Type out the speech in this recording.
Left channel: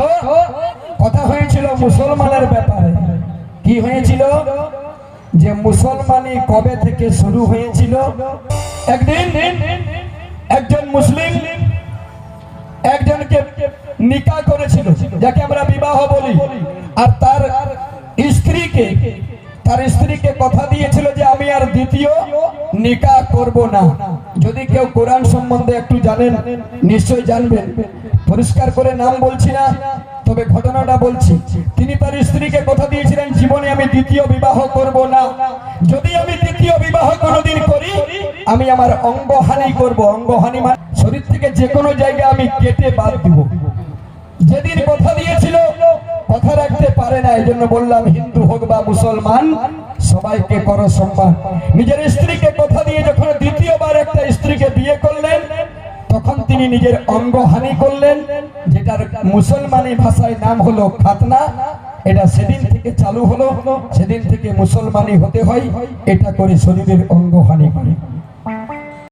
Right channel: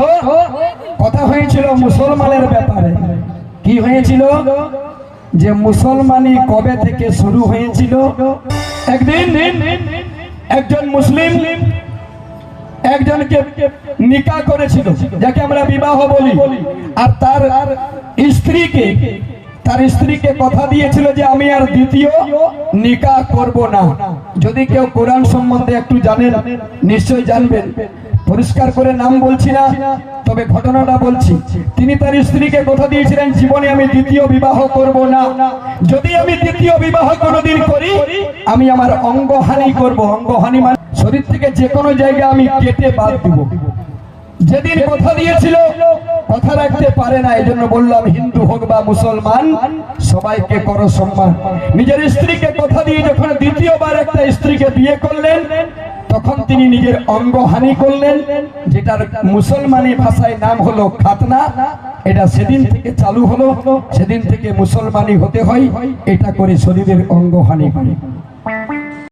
তো কথা হয়েছিল মুসলমানের ব্যাপারে। কি হয়েছিল? যে মুসলমানি কবে থেকে শুরু হয়েছিল? একদিন একজন মুসলিম একজনকে নিকা করেছিল, যাকে আমরা বিবাহ বলি। আর তার স্ত্রীকে তার স্ত্রীকে কথা দিয়েছিল যে আমি আর দ্বিতীয় নিকা করব না। যদি কেউ কোরআন সম্বন্ধে একটু জানেন, নিশ্চয়ই জানবেন। পরিষ্কার করে নাম বলছি না, তবে ঘটনাটা বলছি। তিনি তার স্ত্রীকে কথা দিয়েছিলেন, জীবনে আমি দ্বিতীয় বিবাহ করব না। যদি আমি দ্বিতীয় বিবাহ কোনোদিন করি, আমি আমার অঙ্গহানি করব। অঙ্গহানি মানে শরীর থেকে যে কোনো জায়গা আমি কেটে বাদ দিব। যেদিন কথা দিয়েছিল কথা রাখতে পারে না এই জন্য বললাম, হিন্দু হোক বা মুসলমান, সবাইকে করো সম্মান। নিজের স্ত্রীকে কথা দিয়ে যখন দ্বিতীয়বার একটা স্ত্রীকে বিয়ে করলেন তখন তিনি নিজের অঙ্গহানি করলেন, যেটার মুসলমানি ভাষায় নাম হলো খাতনা। এটা সেদিন থেকে চালু হলো, সেদিন থেকে মুসলমানি হতে হয়, এটা করে শরীরের অঙ্গহানি করে